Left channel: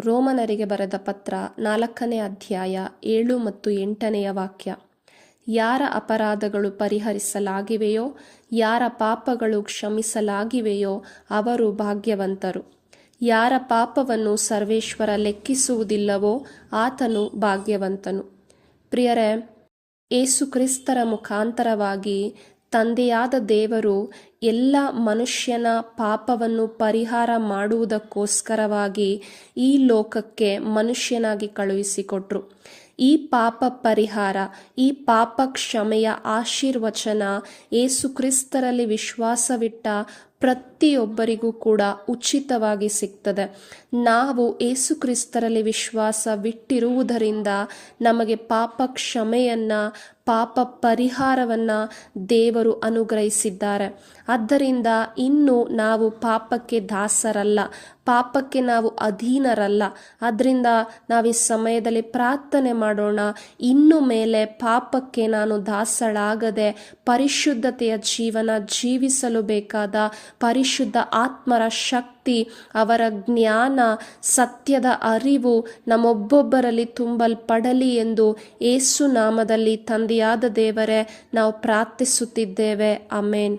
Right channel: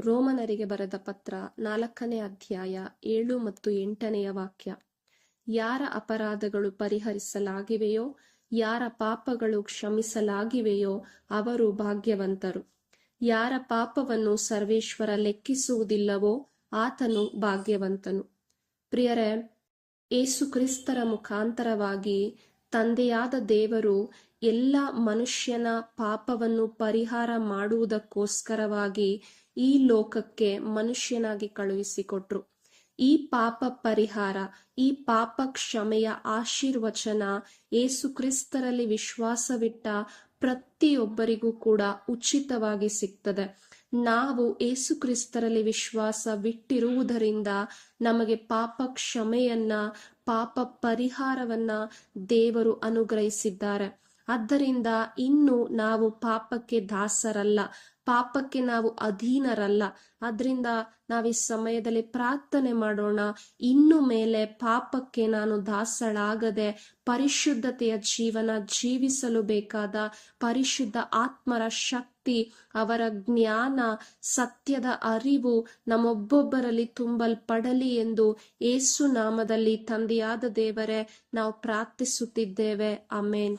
ರೋಮನರಿಗೆ ಬರೆದ ಪತ್ರ ನಾಲ್ಕನೇ ಅಧ್ಯಾಯ ಏಳು ಮತ್ತು ಎಂಟನೆಯ ವಾಕ್ಯ. ಯಾರ ಅಪರಾಧಗಳು ಪರಿಹರಿಸಲಾಗಿವೆಯೋ, ಯಾರ ಪಾಪಗಳು ಕ್ಷಮಿಸಲಾಗಿವೆಯೋ ಅವರು ಭಾಗ್ಯವಂತರು. ಯಾರ ಪಾಪವನ್ನು ಸರ್ವೇಶ್ವರ ಲೆಕ್ಕಿಸುವುದಿಲ್ಲವೋ ಆತನು ಭಾಗ್ಯವಂತನು. ಪ್ರಿಯರೇ ಏಸುಕ್ರಿಸ್ತರ ಮುಖಾಂತರವಾಗಿ ತಂದೆಯಾದ ದೇವರು ಎಲ್ಲ ಮನುಷ್ಯನ ಪಾಪವನ್ನು ಪರಿಹಾರ ಮಾಡುವುದಕ್ಕೋಸ್ಕರವಾಗಿ ಈ ಲೋಕಕ್ಕೆ ಮನುಷ್ಯನಾಗಿ ಕಳುಹಿಸಿಕೊಟ್ರು. ಈ ಪಾಪ ಪರಿಹಾರ, ಈ ಪಾಪ ಕ್ಷಮೆಯ ಆಶೀರ್ವಚನ ಏಸುಕ್ರಿಸ್ತರಲ್ಲಿ ವಿಶ್ವಾಸವಿಟ್ಟ ಪ್ರತಿಯೊಬ್ಬರಿಗೂ ಕೂಡ ಉಚಿತವಾಗಿ ಸಿಗ್ತದೆ. ನಾವು ಏಸುಕ್ರಿಸ್ತರಲ್ಲಿ ವಿಶ್ವಾಸವಿಟ್ಟಿರುವುದರಿಂದ ನಮಗೆ ಪಾಪ ಕ್ಷಮೆಯನ್ನ ಪಾಪ ಪರಿಹಾರವನ್ನ ದೇವರು ಅನುಗ್ರಹಿಸಿದ್ದಾರೆ. ಆದ್ದರಿಂದ ಇನ್ನು ನಾವು ಪಾಪಕ್ಕೆ ದಾಸರಲ್ಲ, ಪಾಪಕ್ಕೆ ನಾವು ಅಧೀನರಲ್ಲ. ಅದರಿಂದ ನಾವು ಈ ಸಮಯದಲ್ಲಿ ಪ್ರಾರ್ಥನೆ ಮಾಡೋಣ. ಇನ್ನು ಮೇಲೆ ಪಾಪಕ್ಕೆ ನಾನು ದಾಸಳಾಗದೆ ಪರಿಶುದ್ಧತೆಯ ಜೀವನ ಜೀವಿಸಲು ಬೇಕಾದ ಪರಿಶುದ್ಧ ಆತ್ಮರ ಶಕ್ತಿ ಅವರ ಜ್ಞಾನ ಸತ್ಯದ ಅರಿವು ನಮ್ಮೊಬ್ಬೊಬ್ಬರಲ್ಲಿ ತುಂಬಲ್ಪಡಲಿ ಎಂದು ಏಸು ನಾಮದಲ್ಲಿ ತಂದೆಯಾದ ದೇವರೇ ನಾವು ಪ್ರಾರ್ಥಿಸುತ್ತಿದ್ದೇವೆ. ಅಮೇನ್